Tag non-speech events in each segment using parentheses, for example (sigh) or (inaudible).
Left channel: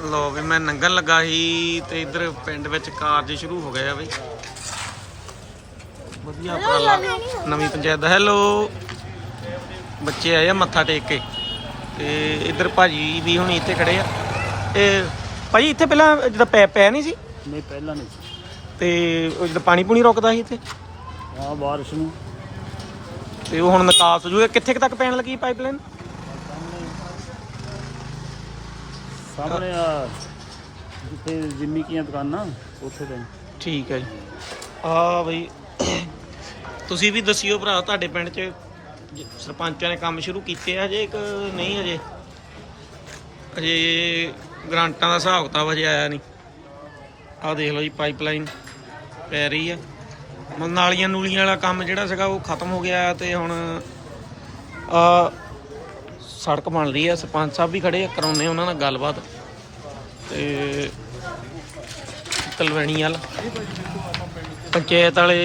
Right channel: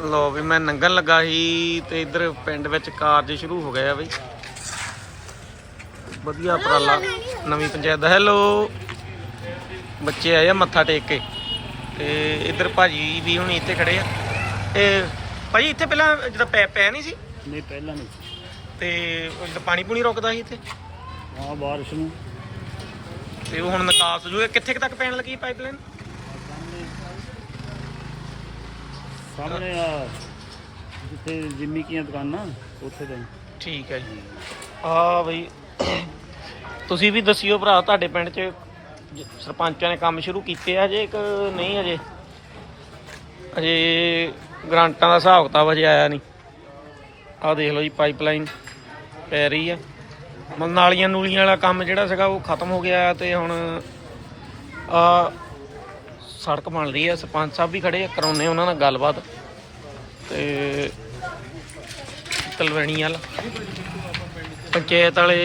ਲੋ ਵੀ ਮੈਂ ਨੰਗਣ ਲੱਗਾ ਸੀ ਤੇ ਇੱਧਰ ਪਿੰਡ ਵਿੱਚ ਕਾਰਜ ਸ਼ੁਰੂ ਹੋ ਗਏ ਆ ਬਈ। ਵਧੀਆ ਉਪਰਾਲਾ ਨਵੀਂ ਪੰਚਾਇਤ ਦਾ। ਹੈਲੋ ਬੱਚੇ ਆਏ ਆ ਮੱਥਾ ਟੇਕ ਕੇ। ਤੇ ਇੱਧਰ ਭਾਜੀ ਵੀ ਹੁਣ ਇੱਥੇ ਖੜੇ ਆ। ਇਹ ਭਾਜੀ ਇੱਥੇ ਪਹਿਲਾਂ ਜਦੋਂ ਪੈ ਪੈ ਨਹੀਂ ਸੀ? ਨਹੀਂ ਪਹਿਲਾਂ ਨਹੀਂ ਤੇ ਉਹ ਜਦੋਂ ਪਾਣੀ ਪੂਣੀ ਰੁਕਦਾ ਸੀ ਇੱਥੇ? ਹਾਂ ਬਾਰਿਸ਼ ਨੂੰ। ਤੇ ਉਹ ਹੁਣ ਨਿਕਾਸ ਹੋ ਜੂਗਾ। ਕਿੱਥੇ ਕੁ ਤੱਕ ਪੈਣ ਲੱਗੀ ਪਾਈਪਲਾਈਨ? ਸਾਹਮਣੇ ਆ ਜਿੱਥੇ ਜਿੰਮੀ ਕੀਆਂ ਦੁਕਾਨਾਂ ਉੱਥੇ ਤਾਂ ਠੀਕ ਹੈ ਜੀ। ਆ ਬਈ ਤੁਸੀਂ ਵੀ ਦੱਸਿਓ ਭਰਾ ਤੁਹਾਡੇ ਪਿੰਡ 'ਚ ਜ- ਸਰਪੰਚਾਂ ਨੇ ਕੰਮ ਸ਼ੁਰੂ ਕੀਤੇ ਆ ਹਜੇ ਕਿ ਨਹੀਂ ਹਜੇ? ਅਜੇ ਗ੍ਰਾਂਟਾਂ ਦਾ ਹਿਸਾਬ ਕਿਤਾਬ ਹਜੇ ਆਇਆ ਨਹੀਂ। ਆਹ ਦੇਖ ਲਓ ਜੀ ਪਾਈਪਲਾਈਨ ਪੈ ਰਹੀ ਆ। ਮਤਲਬ ਨਾਲੀਆਂ ਨੂਲੀਆਂ ਵਾਲਾ ਕੰਮ ਜਿਹੜਾ ਸੀਗਾ ਉਹ ਖਤਮ ਹੋ ਗਿਆ ਤੇ ਹੁਣ ਆ ਸੜਕ ਬਣ ਰਹੀ ਹੈ, ਸਰਪੰਚ ਸਾਹਿਬ ਵੀ ਖੜੇ ਆ ਕਰਾਉਨੇ ਉਹਨਾਂ ਨਾਲ ਗੱਲਬਾਤ। ਤੇ ਤਲਵੈਣੀ ਵਾਲ। ਪੰਚਾਇਤ ਵਾਲੇ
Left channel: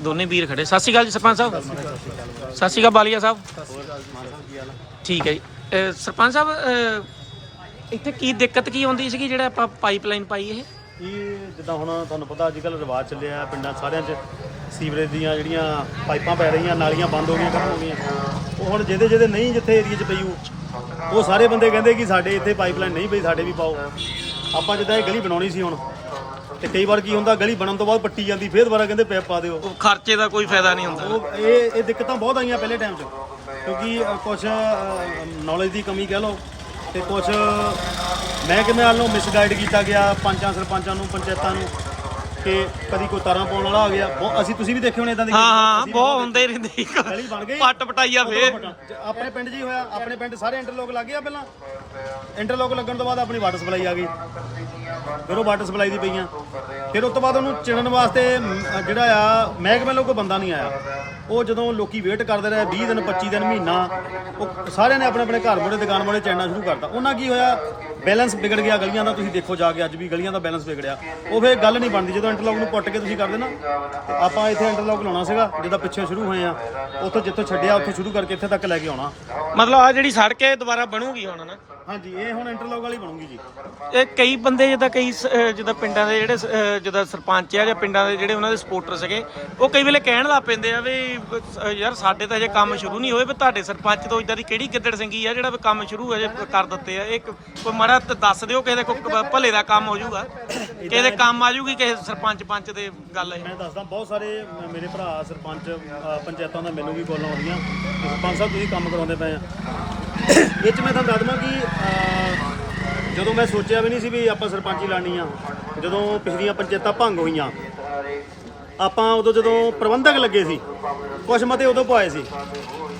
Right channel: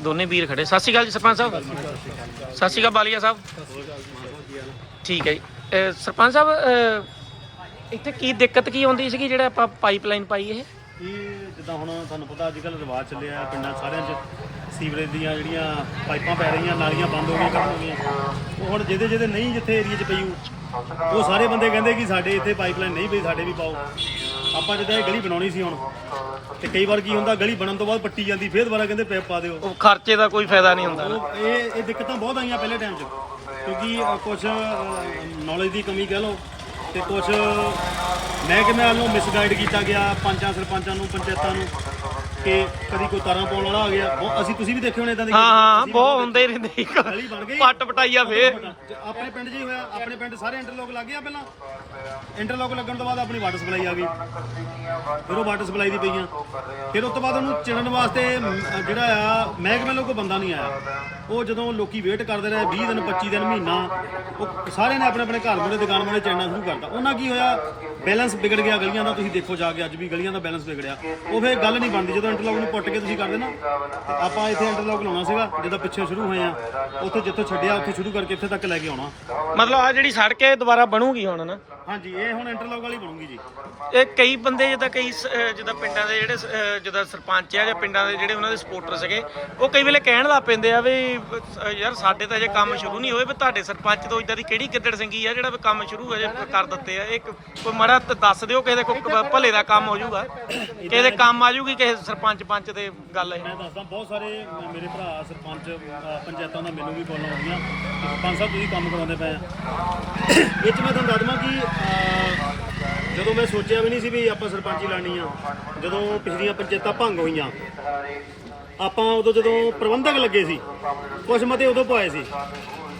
ਦੋਨੇ ਵੀਰ ਖੜੇ। ਸਤਿ ਸ਼੍ਰੀ ਅਕਾਲ ਜੀ ਸਰਪੰਚ ਸਾਹਿਬ। ਸਤਿ ਸ਼੍ਰੀ ਅਕਾਲ ਬਾਲੀਆ ਸਾਹਿਬ। ਠੀਕ ਹੈ ਜੀ। ਅਹ ਸਰਪੰਚ ਸਾਹਿਬ, ਅਹ ਇੱਥੇ ਕੀ ਦਿੱਕਤ ਕੀ ਆਉਂਦੀ ਸੀਗੀ ਜਿਹੜਾ ਆਪਾਂ ਪਾਈਪਲਾਈਨ ਪਾਈ ਇਹ? ਇਹ ਜਿੱਦਾਂ ਹੁਣ ਤੁਹਾਨੂੰ ਪਤਾ ਅੱਜ ਕੱਲ੍ਹ ਰਿਵਾਜ ਚੱਲਿਆ ਪਿੰਡਾਂ ਸਾਰਿਆਂ 'ਚ। ਸੀਵਰੇਜ ਦੀਆਂ ਜਿਹੜੀਆਂ ਪਾਈਪਾਂ ਪੈ ਰਹੀਆਂ ਨਾਲੀਆਂ ਬੰਦ ਹੋ ਗਈਆਂ ਖਤਮ ਹੋ ਗਈਆਂ। ਉਹ ਹੁਣ ਜਿਹਦੇ ਜਿਹਦੇ ਨਹੀਂ ਜਿੱਥੇ ਏਰੀਆ 'ਚ ਪਈ ਉਹ ਸਾਰੇ ਬੰਦੇ ਕਹਿੰਦੇ ਕਿ ਸਾਡੇ ਇੱਥੇ ਪਾਈਪਲਾਈਨ ਨਹੀਂ ਪਈ ਸਾਡੇ ਵੀ ਪਾਓ। ਆਪਾਂ ਜਿੱਦਾਂ ਇਹ ਗਲੀ ਬਣਾਉਣੀ ਸੀ ਹੁਣ ਤੇ ਕਈ ਵਾਰ ਕੀ ਹੁੰਦਾ ਗਲੀ ਬਣਨ ਤੋਂ ਬਾਅਦ ਪੱਟੀ ਜਾਂਦੀ ਫੇਰ ਦੁਬਾਰਾ ਕਹਿੰਦੇ ਪੈਪ ਪਾ ਦਿਓ। ਉਹ ਖਰਚੇ ਦਾ ਕੋਈ ਫਾਇਦਾ ਨਹੀਂ ਹੁੰਦਾ ਉਹ ਇਹ ਇਹ ਦਿੱਕਤਾਂ ਬਹੁਤ ਆਈਆਂ ਪਹਿਲੇ ਟਾਈਮ 'ਚ ਕਿਉਂਕਿ ਕੁਛ ਨੌਲੇਜ ਦੀ ਕਮੀ ਕਹਿ ਲਓ ਤੇ ਕੁਛ ਮਹਿਕਮੇ ਵੱਲੋਂ ਮਿਸਗਾਈਡ ਕੀਤਾ ਗਿਆ ਪੰਚਾਂ ਸਰਪੰਚਾਂ ਨੂੰ ਪੰਚਾਇਤਾਂ ਨੂੰ ਕਿ ਕਦੀ ਕੋਈ ਤਾਰਾਂ ਪਾਉਣ ਵਾਲਾ ਆ ਗਿਆ। ਬਹੁਤ ਅਸੀਂ ਤੁਸੀਂ ਵੀ ਦੇਖੇ ਹੋਣੇ ਇਦਾਂ ਦੇ ਹਾਂ ਹਾਂ ਬਹੁਤ ਹੁੰਦੇ ਹੀ ਰਹਿੰਦੇ ਸੀ। ਗਲੀ ਬਣ ਗਈ। ਪੱਟ ਪਟਾਈਆ ਫੇਰ। ਆਪਣੇ ਪਿੰਡ 'ਚ ਹੀ ਹੋਇਆ ਆਪਣੇ ਪਿੰਡ ਸਾਰੇ ਇੰਟਰਲੋਕ ਲੱਗ ਗਿਆ ਪਹਿਲਾਂ। ਇੰਟਰਲੋਕ ਲੱਗਣ ਤੋਂ ਬਾਅਦ ਆਪਣੀ ਵਾਟਰ ਸਪਲਾਈ ਆ ਗਈ। ਫਿਰ ਉਹ ਵਾਟਰ ਸਪਲਾਈ ਦੀ ਪਈਆਂ। ਫਿਰ ਉਸ ਤੋਂ ਬਾਅਦ ਉਹਨੂੰ ਚਿਣਨ ਵਾਸਤੇ ਮ, ਅ, ਜਿਹੜਾ ਆ ਮਹਿਕਮੇ ਵੱਲੋਂ ਕੋਈ ਬੰਦਾ ਨਹੀਂ ਆਇਆ। ਉਹ ਜਦੋਂ ਲੋਕੀ ਵੇਟ ਕਰਦੇ ਰਹੇ 20 ਦਿਨ 25 ਦਿਨ, ਮਹੀਨਾ, ਉਹ ਸਾਰਿਆਂ ਨੇ ਆਪਣੇ ਆਪਣੇ ਘਰ ਬੜੇ ਦੁਕਾਨ ਬੜੇ ਚੈਨਲ ਸ਼ੁਰੂ ਕਰਤਾ। ਉਹਨਾਂ ਕੀ ਹੋਇਆ? ਬੈਲੈਂਸ ਵਿਗੜ ਗਿਆ ਗਲੀਆਂ ਦਾ, ਤੁਸੀਂ ਦੇਖੋ ਜਾ ਕੇ ਅੱਜ ਵੀ ਗਲੀਆਂ ਦਾ ਬੈਲੈਂਸ ਵਿਗੜਿਆ। ਉਹ ਫਿਰ ਗੱਲ ਨਹੀਂ ਬਣਦੀ, ਜਦੋਂ ਇੰਟਰਲੋਕ ਨੂੰ ਪੁੱਟ ਕੇ ਤੁਸੀਂ ਕਰਦੇ ਨਾ ਆਪਾਂ ਇੱਥੇ ਇੰਟਰਲੋਕ ਲਾਉਣਾ ਸੀਗਾ, ਜਿੱਦਾਂ ਪਿੱਛੇ ਸ਼ੁਰੂ ਹੋਏ ਆ। ਉੱਥੋਂ ਜਿੱਥੋਂ ਛੱਡਿਆ, ਉੱਥੇ ਸ਼ੁਰੂ ਕਰਕੇ ਇੱਥੇ ਤੱਕ ਲੈ ਕੇ ਆਉਣਾ। ਮਤਲਬ ਆ ਜਿਹੜੀ ਸੜਕ ਹੈ ਦੁਬਾਰਾ ਬਣੂਗੀ ਹੁਣ ਨਾ ਹਾਂਜੀ ਇਹ ਹੁਣ ਇੰਟਰਲੋਕ ਵਾਲੀ ਬਣੂਗੀ ਜੀ। ਇਹ ਕਈ ਬੰਦੇ ਜਿੱਦਾਂ ਕਈ ਸ- ਅਹ ਜਿੱਦਾਂ ਪਿੰਡਾਂ ਦੇ ਜਿਹੜੇ ਸ- ਅਹ ਜਿੱਦਾਂ ਸਰਪੰਚ ਆ ਜਾਂ ਪਿੰਡਾਂ ਦੇ ਜਿਹੜੇ ਉਹਨਾਂ ਦੇ ਸਪੋਰਟਰ ਸੀਗੇ ਉਹ ਕਈ ਵੇਲੇ ਕਹਿਣ ਲੱਗ ਪੈਂਦੇ ਆ ਵੀ ਅਹ ਯਾਰ ਸਾਡੇ ਤਾਂ ਅਜੇ ਕੰਮ ਸ਼ੁਰੂ ਨਹੀਂ ਹੋਏ ਵੀ ਤੁਹਾਡੇ ਸਰਪੰਚ ਤੋਂ ਇਦਾਂ ਦੀ ਕਿਹੜੀ ਗਿੱਦੜ ਸਿੰਘੀ ਆ ਜਿਹੜਾ ਵੀ ਕੰਮ ਸ਼ੁਰੂ ਅਜੇ ਕਰ ਦਿੱਤੇ ਆ? ਇਹ ਕ- ਕੋਈ ਮਾੜਾ ਤੇ ਦੱਸ ਦਿਓ ਕਿਸੇ ਦੇ ਕੋਈ ਕ- ਭਲੇ ਦਾ ਕੰਮ ਹੋ ਜਾਊਗਾ। ਕਿਸੇ ਦੇ ਕੰਮ ਆ ਜਾਊਗੀ ਕਿਸੇ ਸਰਪੰਚ ਪੰਚ ਦੇ ਗੱਲ ਇਹ। ਮੈਂ ਦੱਸਦਾ ਬਹੁਤ ਸਾਰੇ ਮ- ਮੇਰੇ ਭਰਾ ਸਰਪੰਚ ਅ, ਪੰਚਾਇਤਾਂ ਦਾ ਮਿਲੂਗੀ ਕੋਲੋਂ ਆਉਂਦੀਆਂ। ਕਿ ਸਰਪੰਚ ਸਾਹਿਬ ਤੁਸੀਂ ਕੰਮ ਕਰਾਉਂਦੇ ਪਏ ਆ। ਇਹ ਚ ਮੈਂ ਤੁਹਾਨੂੰ ਦੱਸ ਦਵਾਂ ਕਿ ਅ, ਜਦੋਂ ਮੈਂ ਸੋਚਿਆ ਵੀ ਨਹੀਂ ਸੀ ਵੀ ਆਪਾਂ ਸਰਪੰਚੀ ਲਾਣੀ ਆ ਜਦੋਂ ਪਿਛਲੀਆਂ ਪੰਚਾਇਤਾਂ ਭੰਗ ਹੋਈਆਂ ਆਪਾਂ ਉਦੋਂ ਜਦੋਂ ਪ੍ਰਬੰਧਕ ਲੱਗੇ ਸੀ ਕੁਛ ਮਤੇ ਉਦੋਂ ਪਵਾਏ ਸੀ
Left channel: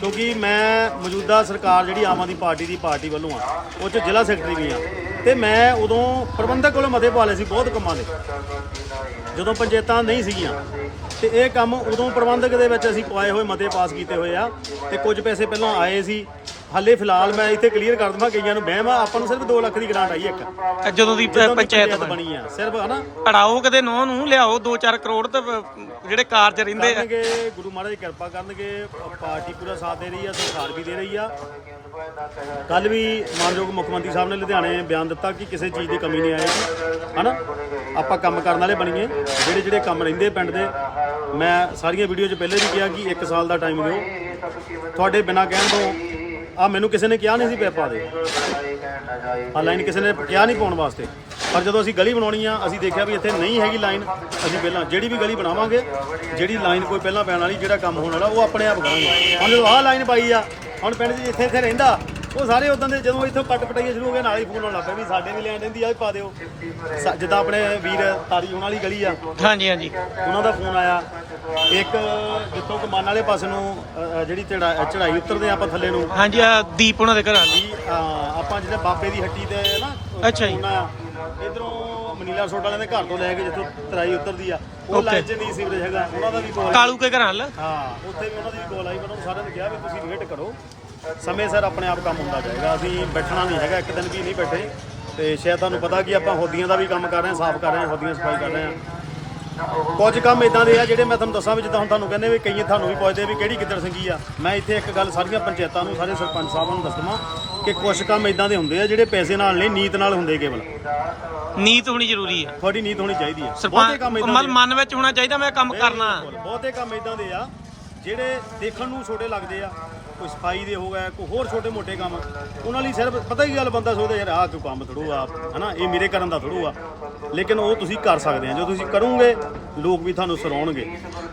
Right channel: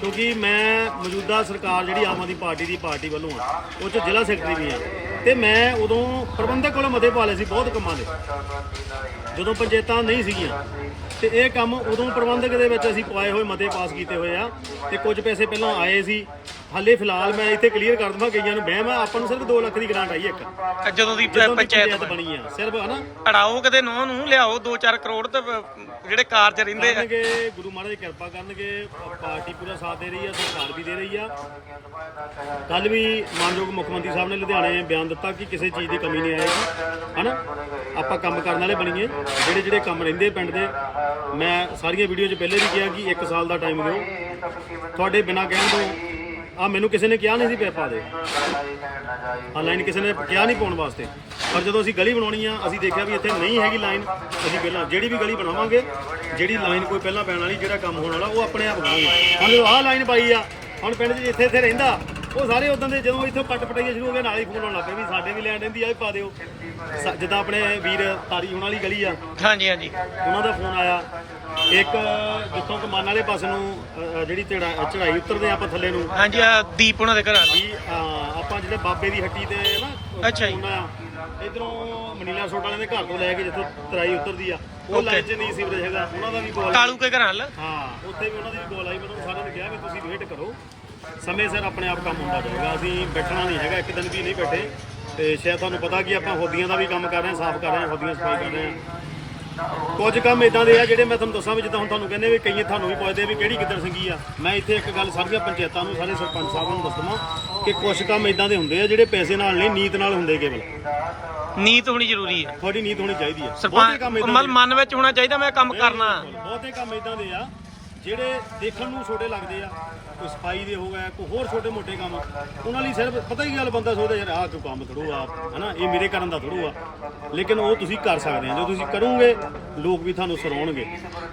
ਕਿਉਂਕਿ ਮੈਂ ਮੌਜੂਦਾ ਸਰਕਾਰ ਜਿਹੜੀ ਆਮ ਆਦਮੀ ਪਾਰਟੀ ਦੀ ਪਾਰਟੀ ਵੱਲੋਂ ਆ ਉਹ ਚ ਜ਼ਿਲ੍ਹਾ ਸੈਕਟਰੀ ਵੀ ਆ ਤੇ ਮੈਂ ਉਦੋਂ ਪ੍ਰਬੰਧਕ ਕੋਲੋਂ ਮਤੇ ਪਾ ਲਏ ਸੀ ਬਹੁਤ ਕੰਮਾਂ ਦੇ। ਜਦੋਂ ਪੰਚਾਇਤਾਂ ਨਹੀਂ ਸੀਗੀਆਂ ਤੇ ਇਹ ਕੰਮ ਉਦੋਂ ਪ੍ਰਬੰਧਕ ਦੇ ਵਿੱਚ ਅਸੀਂ ਪਵਾਏ ਹੋਏ ਮਤੇ ਪਾਸ ਕੀਤੇ ਹੋਏ ਆ ਤੇ ਕੁਝ ਪੈਸੇ ਪਹਿਲਾਂ ਆਏ ਸੀ ਹਾਲੇ ਫਿਲਹਾਲ ਮੈਂ ਇੱਥੇ ਕਲੀਅਰ ਕਰ ਦਵਾਂ ਕਈਆਂ ਨੂੰ ਵਹਿਮ ਆ ਆਪਾਂ ਨੂੰ ਸਿਰਫ 2 ਲੱਖ ਦੀ ਗ੍ਰਾਂਟ ਆਈ ਇੱਕ। ਅਹ ਜਦੋਂ ਦੀ ਪ- ਜਦੋਂ ਦੀ ਪੰਚਾਇਤ ਬਣੀ। ਬਣੀ ਆ ਸਿਰਫ ਹਨਾ? ਅੜਾਓ ਕਦੇ ਨੋ ਨੂੰ ਲਿਆਓ 2-4 ਕਰੋੜ ਤੇ ਜਿਹੜੇ ਕਾਰਜ ਰਹਿੰਦੇ ਆ। ਕਰਨਗੇ ਗੁਰੂ ਮਹਾਰਾਜ ਦੀ ਕਿਰਪਾ ਕਰਨਗੇ ਪਾਰਟੀ ਪੂਰਾ ਸਾਥ ਦੇ ਰਹੀ ਆ ਸਰਕਾਰ ਵੀ ਦੇ ਰਹੀ ਆ। ਕੱਲ ਵੀ ਮਾਨਯੋਗ ਮੁੱਖ ਮੰਤਰੀ ਸਾਹਿਬ ਨੇ ਲੁਧਿਆਣੇ ਬਿਆਨ ਦਿੱਤਾ ਕਿ ਕਿਸੇ ਚੀਜ਼ ਦੀ ਕਮੀ ਨਹੀਂ ਆਏਗੀ ਹਨਾ? ਆਪਾਂ ਕੰਮ ਕਰਨ ਵਾਲੇ ਬਣੀਏ ਜਿਹੜੇ ਜਿਹੜੇ ਕੰਮ ਰਹਿੰਦੇ ਪਿੰਡ ਦੇ। ਮੈਂ ਸਾਰੀਆਂ ਵੀਡੀਓ 'ਚ ਪਹਿਲੇ ਵੀ ਕਿਹਾ ਕਿ 1 ਸਾਲ ਦਾ ਟਾਈਮ ਦਿਓ। ਤੁਹਾਡੇ ਬਿਨਾਂ ਕਹਿਣ ਤੋਂ ਆ ਮੈਨੂੰ ਕਿਸੇ ਨੇ ਕਿਹਾ ਨਹੀਂ ਸੀ ਪੈਪਾ ਦੇ। ਆ ਲਾਈਨ ਕਿਸੇ ਨੇ ਕਿਹਾ ਨਹੀਂ ਪਾਉਣ ਵਾਸਤੇ। ਪਰ ਜਦੋਂ ਅਸੀਂ ਗਲੀ ਬਣਾਉਣੀ ਆ, ਅਸੀਂ ਦੇਖਿਆ ਵੀ ਇੱਥੇ ਨਹੀਂ ਹੈਗੀ ਲਾਈਨ ਅਸੀਂ ਪਹਿਲਾਂ ਜਿਹੜੀ ਵੀ ਗਲੀ ਬਣਾਵਾਂਗੇ, ਜਿਹੜੀ ਲਾਈਨ ਕੋਈ ਪਹਿਲਾਂ ਪੈਣ ਵਾਲੀ, ਜਿਹੜਾ ਕੰਮ ਹੋਣ ਵਾਲਾ, ਉਹ ਆਪਣੇ ਆਪ ਕਰਾਂਗੇ ਹੁਣ ਜਦੋਂ ਆਹ ਲਾਈਨ ਪਾਈ ਆ, ਹੁਣ ਪਿੰਡ 'ਚ ਜਿੱਥੇ ਇੱਥੇ ਰਹਿੰਦਾ ਉਹ ਸਾਰੇ ਉਦੋਂ ਦੇ ਜਦੋਂ ਇੱਥੋਂ ਪੱਟ ਪਟਾਈਏ ਸ਼ੁਰੂ ਹੋ ਗਏ ਨਾਲ ਹੀ ਫੋਨ ਆਉਣ ਲੱਗ ਪਏ ਵੀ ਸਾਡੇ ਵੀ ਲੈਣ ਰਹਿੰਦੀ ਆ ਇਹ ਪਾ ਦਿਓ। ਸਾ- ਜਿੱਦਾਂ ਆਪਣੇ ਵੀਰ ਤਾਰੀ ਹੋਣ ਵਾਲੀ ਗਲੀ ਆ। ਹਾਂਜੀ ਹਾਂਜੀ। ਉਹਨਾਂ ਦਾ ਫੋਨ ਆਇਆ। ਇੱਕ ਜਿੱਥੋਂ ਕਮਾਨ ਵਾਲੇ ਪਾਸੇ ਨੂੰ ਅ, ਅ, ਜਿਹੜੀ ਚੜਾ- ਚੜਾਈ ਉਤਰਦੇ ਆ ਆਪਾਂ ਥੱਲੇ ਨੂੰ। ਹਾਂਜੀ ਆ ਦੀਪ ਉਹਨਾਂ ਦੇ ਘਰਾਂ ਦੀ ਵੀ ਅ, ਆਪਾਂ ਜਿਹੜੇ ਬਾਬੇ ਦੀ ਹੱਟੀ ਤੇ ਨਾ ਅੱਛਾ ਜੀ। ਉਹਨਾਂ ਇਧਰੋਂ ਮਨੀਲਾ ਸੋਡ ਵਾਲਿਆਂ ਦੇ ਘਰ ਤੋਂ ਲੈ ਕੇ ਜਿੱਥੋਂ ਤਰਾਈ ਉਤਰਦੀ ਆ। ਉਹ Okay. ਲਾਈਨ 'ਚ ਨਹੀਂ ਸੀਵਰੇਜ ਹੈਗਾ। ਉਹਨਾਂ ਦਾ ਵੀ ਕੋਲ ਕਾਲੂ ਕੇ ਘਰਾਂ ਲ ਹਾਂ ਉੱਥੇ ਵੀ ਉਹਨਾਂ ਦੀ ਵੀ ਕੋਲ ਆਈ ਮੈਨੂੰ ਸਾਰਿਆਂ ਨੇ ਕਿਹਾ ਵੀ ਤੁਸੀਂ ਵੇਟ ਕਰੋ। ਸਮੇਂ ਸਿਰ ਆਪਣੇ ਆਪ ਕੰਮ ਹੁੰਦਾ ਜਾਏਗਾ। ਅਸੀਂ ਬੈਠਣਾ ਨਹੀਂ ਹੈਗਾ ਇੱਕ ਦਿਨ ਵੀ ਨਹੀਂ ਬੈਠੇ। ਤੇ ਸ਼ਾਇਦ ਤੁਹਾਨੂੰ ਪਤਾ ਕਿ ਆਪਾਂ ਹੋਦੀਆਂ ਦਾ ਵੀ ਕੰਮ ਕਰ ਰਹੇ ਹਾਂ ਸਾਫ਼ ਕਰ ਰਹੇ ਹਾਂ ਹੋਦੀਆਂ ਸਫ਼ਾਈ ਕਰ ਰਹੇ ਹਾਂ। ਕੁਝ ਕੰਮ ਇਦਾਂ ਦੇ ਆ ਜਿਹੜੇ ਮੈਂ ਤੁਹਾਨੂੰ ਦੱਸਾਂ ਵੀ ਜਿੱਦਾਂ ਹੁਣ ਤੁਹਾਨੂੰ ਕਹਿੰਦੇ ਵੀ ਕਈ ਤੁਹਾਨੂੰ ਵੀ ਪੁੱਛਦੇ ਵੀ ਕਿਹੜੀ ਕਿੱਧਰ ਸੰਗੀ ਆ। ਮੈਂ ਇੱਥੇ ਇੱਕ ਗੱਲ ਸਾਰੀਆਂ ਪੰਚਾਇਤਾਂ ਨੂੰ ਸਾਰੇ ਸਰਪੰਚ ਸਾਹਿਬਾਂ ਨੂੰ ਦੱਸ ਦਵਾਂ ਕਿ ਕੁਝ ਕੰਮ ਇਦਾਂ ਦੇ ਹੁੰਦੇ ਆ ਜਿਹੜੇ ਪੈਸੇ ਨਾਲ ਨਹੀਂ ਨੀਤ ਨਾਲ ਹੁੰਦੇ ਕੇਵਲ। ਨੀਤ ਹੋਣੀ ਜ਼ਰੂਰੀ ਹੈ ਤੁਹਾਡੀ ਨੀਤ ਹੋਣੀ ਚਾਹੀਦੀ ਹੈ ਬਹੁਤੇ ਕੰਮ ਏਦਾਂ ਮਨ ਮਨ ਵਿੱਚ ਹੋਣਾ ਚਾਹੀਦਾ ਮੈਂ ਕੰਮ ਕਰਨਾ। ਬਹੁਤੇ ਕੰਮ ਇਦਾਂ ਦੇ ਆ ਜਿਹੜੇ ਦੇਖਣ ਨੂੰ ਛੋਟੇ ਲੱਗਦੇ ਆ। ਕੋਈ ਸਫ਼ਾਈ ਦੇ ਹੋ ਗਏ ਕੋਈ ਹੋਰ ਛੋਟੇ ਮੋਟੇ ਕੰਮ। ਉਹਨਾਂ ਲਈ ਸਿਰਫ ਪਤਾ ਕੀ ਗੱਲ ਬੰਦਾ ਸੋਚਦਾ ਯਾਰ ਆਹ ਕੋਈ ਕੰਮ ਥੜੂ ਆ ਹਨਾ? ਇਹ ਮੇਰੇ ਕਰਨ ਦਾ ਥੜੂ ਆ। ਲੇਕਿਨ ਉਹ ਤੁਸੀਂ ਕਰ ਸਕਦੇ ਆ। ਜੋ ਤੁਸੀਂ ਕਰੋਗੇ ਲੋਕ ਵੀ ਤੁਹਾਨੂੰ ਸਰਾਉਣਗੇ